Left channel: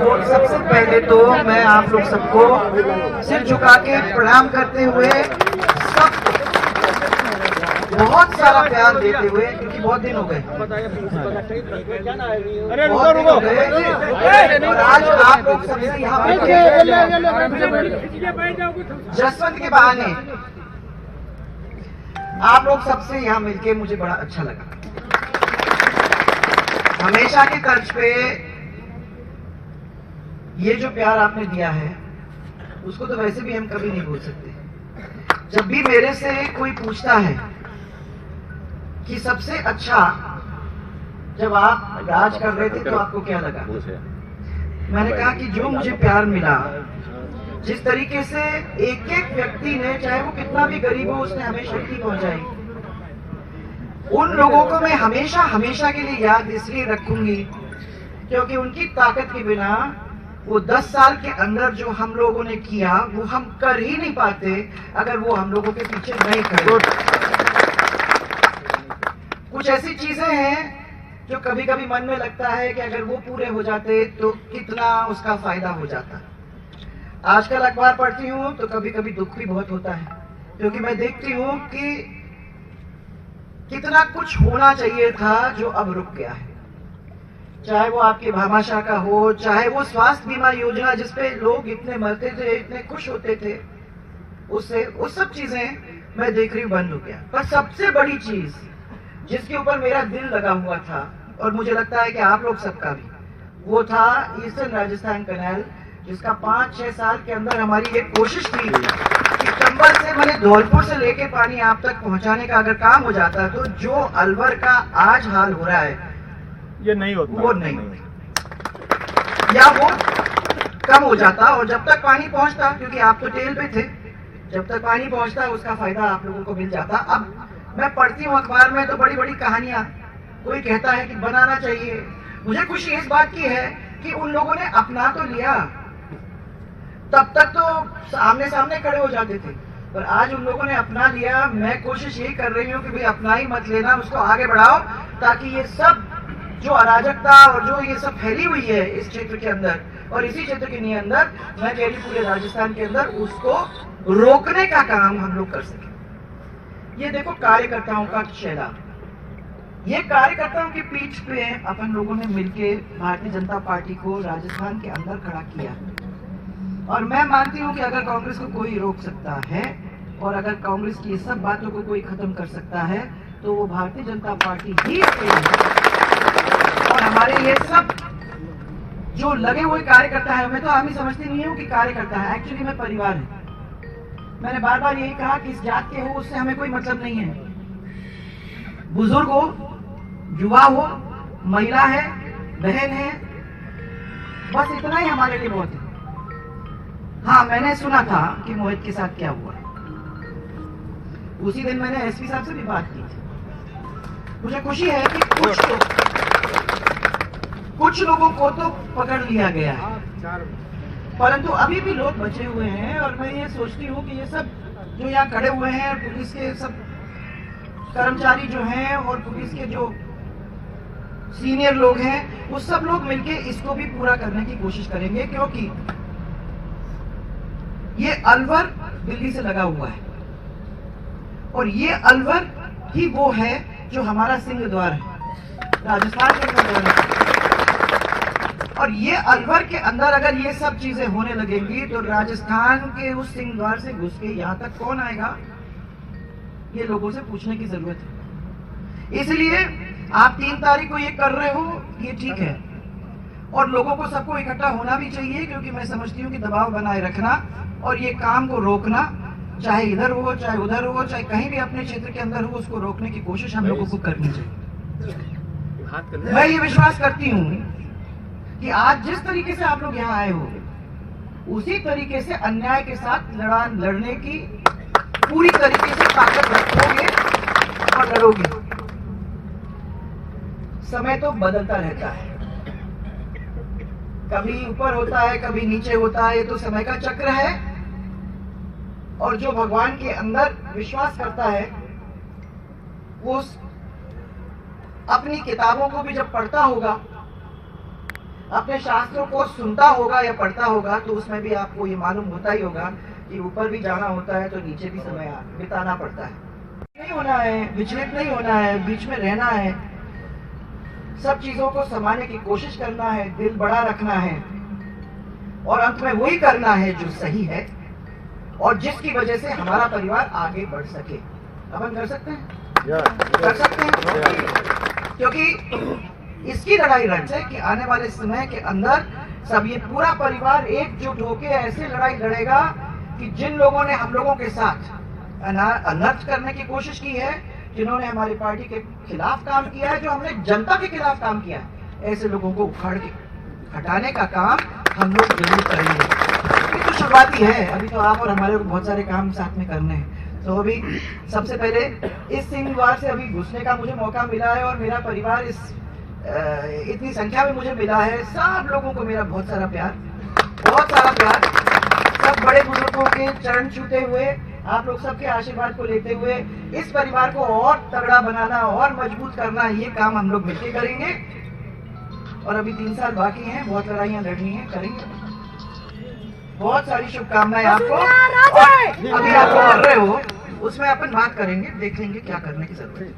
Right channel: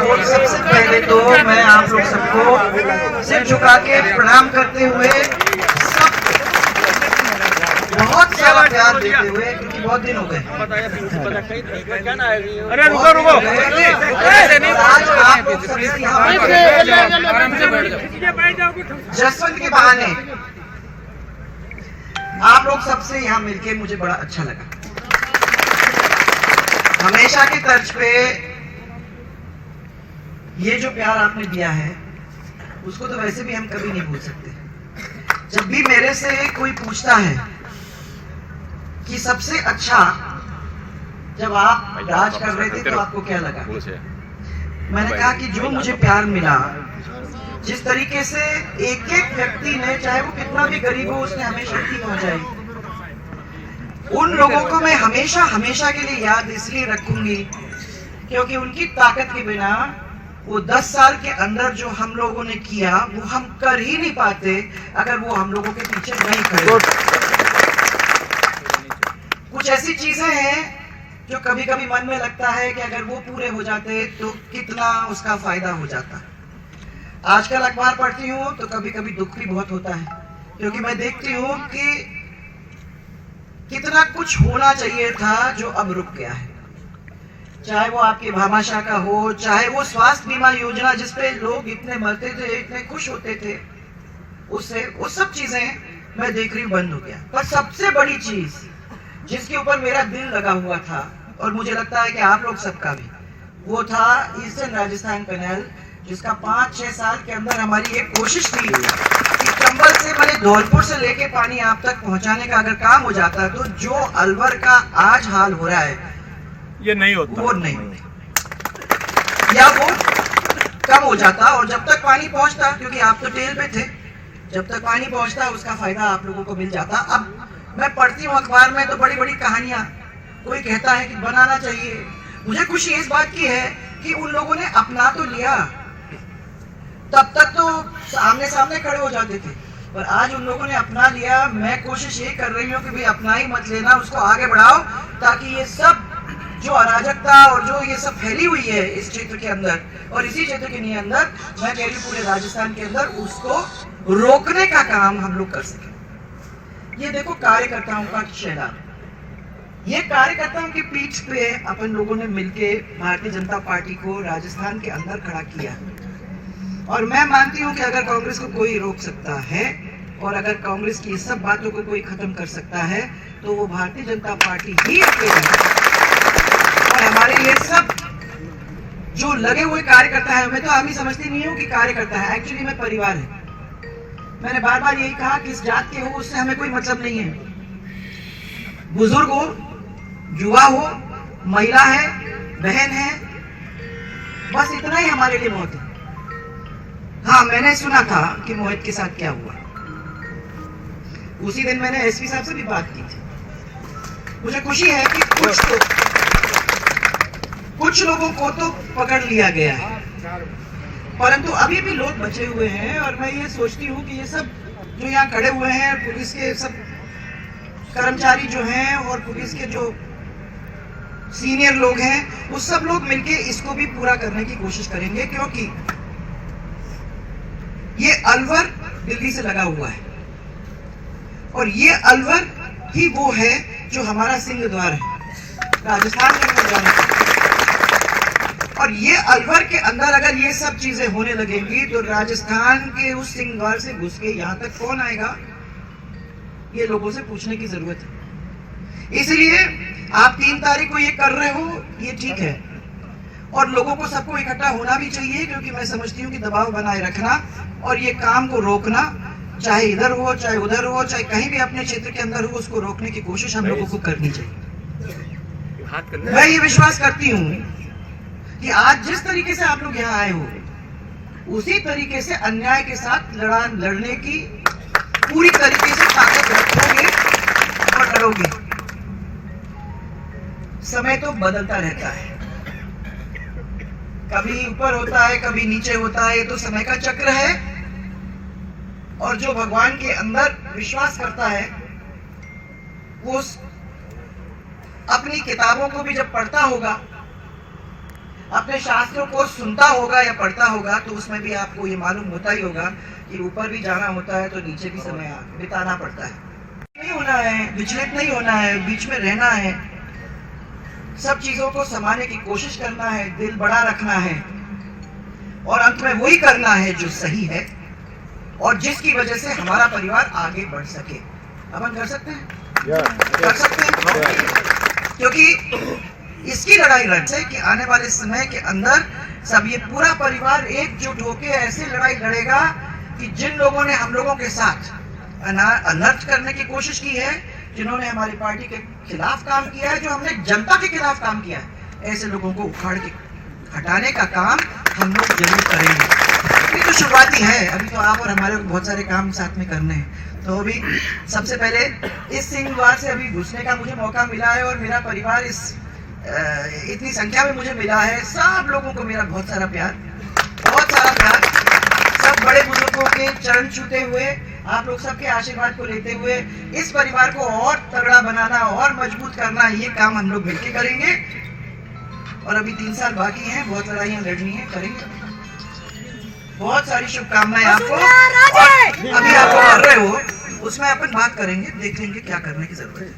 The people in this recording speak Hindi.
सबसे पहले तो मैं आप लोग सबको सिर झुका के प्रणाम करते हुए बहुत सारा प्यार देते हुए, क्योंकि बहुत दिन हो गए। अरे रुको रुको, आज आप लोग सबसे यहाँ जसवंत के बहाने आप लोग सबसे यहाँ मिलके मुझे बड़ा अच्छा लगा। हमेशा की तर्ज पे ये जो प्यार आपने दिया है उसको तो वैसे भी हम कभी नहीं भूल सकते। जब भी मेरे से कोई पूछता है कि सबसे अच्छा जब आप राज कर रहे थे तो आपको क्या लगा, मैंने कहा कि जो मुझे प्यार मिला, जिस तरीके से एक एक व्यक्ति ने, चाहे वो कितना भी गरीब हो, उसने हमें शक्ति पहुंचाई, उन लोगों को मैं हमेशा हमेशा के लिए याद इसलिए रखूंगी क्योंकि उनकी ताकत के बिना वो 10 साल के अंदर जो हम लोगों ने किया वो हम कर ही नहीं पाते अगर वो हम लोगों के पीछे नहीं खड़े। कुछ ऐसी चीजें हैं जो कभी कभी मन में लगता है कि अगर वो पूरे हो जाते तो कितना उसका फायदा हो जाता। आजकल अखबार पढ़ती हूँ तो कभी कभी दुख भी बहुत होता है, क्योंकि मैं देखती हूँ कि कितना कुछ होना चाहिए था जो अब रुक गया है। चाहे वो आपके भामाशाह का हो, चाहे वो स्वास्थ्य बीमा योजना जिसपे लोग इतने मरते थे, इतने खुश होते थे, उससे वो सब चीजें मैं देख रही हूँ बंद हो गया। पर सबसे बड़ी चीज जिसके ऊपर मेरा दिल लगा हुआ था, और मुझे लगता है कि आप लोग सबका भी, वो था ईस्टर्न राजस्थान कैनाल, जिसका 5-6 साल के अंदर हमारी एक कोशिश थी कि चंबल से मैंने धौलपुर से लेके पानी आप तक पहुंचाने का अगर काम हो जाता तो जो अलवर का आज हाल हो रहा है ये नहीं होता, वो नहीं, या वो कम हो जाता। और जब तक पानी पहुंचता, क्योंकि आप तो टेल पे थे, जब तक पानी पहुंचता उसका फायदा आप लोगों को मिल जाता। अब मैं पढ़ती हूँ अखबार में तो बड़ी बड़ी कहानियां, कोई कहता है कि बनाना चाहिए। मुझे खुशी इस बात की है कि उन लोगों ने अपना तो लिया, तब तक तो आमने सामने खड़े हो जाते थे, पर आज उन लोगों ने अपना लिया। मैं कोशिश यही कर रही हूँ कि भाई अपना ही मत लेना, उसको आगे बढ़ाओ, ताकि ये सब जो अराजकता और जो ये सब फैली हुई है इस क्षेत्र के अंदर और इसी क्षेत्र के नहीं अंदर, मैं कह रही पूरे राजस्थान के अंदर, उसको रोकने का काम हम लोग कर सके। ये देखो कार्यकर्ताओं का चेहरा, ये कार्यकर्ताओं की पीठ पे अपन लोगों ने मिलके भारतीय जनता पार्टी को राजस्थान के अंदर खड़ा किया। और मैं मानती हूँ कि अगर कांग्रेस को कोई रोक सकता है और अगर कांग्रेस की सब बातों को कोई खत्म कर सकता है तो वो भारतीय जनता पार्टी ही अकेली है। और हमारे ये सब जो लगे हुए कार्यकर्ता है, मैं तो आदमी समझती नहीं हूँ कि कार्यकर्ता है, एक्चुअली मैं परिवार है। मैंने बार बार यही कहा कि इस जात के हो उससे हमें कोई मतलब नहीं है। बुजुर्ग हो, युवा हो, महिला है, बहन है, बस इतना ही हमारे लिए बहुत है। हाँ, मैंने सुना था कि मोहित के साथ क्या हुआ। उसी दिन मैंने एसपी साहब से भी बात की थी। मुझे खुशी है कि कुछ लोगों को तो पकड़ लिया गया है, परंतु अभी भी लोग बचे हुए हैं। और मैं ये सोचती हूँ कि ये सब जो यहाँ खड़े हुए हैं, पुलिस के सब कर्मचारी जो हैं और पुलिस के जो सीनियर लोग हैं, वो सब लोग मिलके इसको भी पूरा करने की कोशिश करेंगे, क्योंकि ये अलवर दिल्ली से लगा हुआ है और ये अलवर ही वो है जो हमारा सिंह द्वार है, राजस्थान के अंदर जाने का। और ये अलवर के अंदर अगर ये सब चीजें होने लगेंगी तो राजस्थान के उस सिंह द्वार से घुस के यहाँ तक कौन आएगा, ये लोगों से पूछने की जरूरत है। इसलिए आप 3 तारीख को ये कर रहे हो, ये ठीक है, और लोगों को सबको इकट्ठा होना भी चाहिए, क्योंकि मैं समझती हूँ कि दबाव बनाए रखना और ये काम को रोकना, चाहे इधर हो, चाहे उधर हो, चाहे कहीं भी अपने क्षेत्र के अंदर हो, उसको रोकने की कोशिश हम लोगों को करनी चाहिए। मैं ये विश्वास करती हूँ कि आज जिस तरीके से आप लोग यहाँ आए हो, उसी तरीके से अन्याय के साथ लड़ने की पूरी तरीके से ताकत रखोगे और लड़ोगे। समय तो बदलता रहता है, कभी ऊपर होता है, कभी नीचे होता है, ये तो समय का चक्र है। और जो भगवान के अंदर विश्वास करता है वो अपनी किताबों को भी जब पढ़ता होगा अपने शास्त्रों को सुनता होगा या पढ़ता होगा तो उसमें भी आपको ये मालूम होता ही होगा कि ऊपर भी जाना होता है तो नीचे भी समय बिताना पड़ता है। नहीं होना है, विचलित नहीं होना है, बीच में रहना है, सब चीजों को संभालने की कोशिश करना है, दिल बड़ा रखना है और अंत में वही करना है जो सही है और जिसकी वजह से हमारा परिवार आगे बढ़ सके। अपन कर सकते हैं, कर सकते हैं, क्योंकि इसकी लड़ाई रण है कि आने वाले समय के अंदर सब ये पूरा परिवार एकजुट होकर ऐसी लड़ाई लड़ेगा कि जिन लोगों ने हम लोगों के साथ अनर्थ करने की कोशिश की है, जिन्होंने हमारी पार्टी के खिलाफ काम किया है, जो हमने जनता के खिलाफ काम किया है, ऐसे लोगों को उखाड़ के हटाने का काम हम लोग जरूर करेंगे। ये तो शुरुआती है, अभी तो आप और हमारे को बहुत सारे काम साथ में करने हैं। तो अभी सबसे पहले इस सिंह द्वार से अभी घुसने का मुझे मौका मिला है और मेरा परिवार इतनी संख्या में मुझे मिला है। सब लोगों को मेरा बहुत सारा प्यार, बहुत सारा प्यार। सब बड़े बुजुर्गों के चरण छूते हुए, आप लोग सबके आशीर्वाद को लेते हुए इस परिवार को और तगड़ा बनाना और मजबूत करना, ये काम हम लोग मिलकर करेंगे। और अभी 3 साल बाकी हैं, बहुत लड़ाइयाँ लड़नी है, करेंगे। बहुत सारी शुभकामनाएं आपको। अभी आप कर रहे हो उसमें अपन बात करेंगे, देख लेंगे क्या करने की जरूरत है।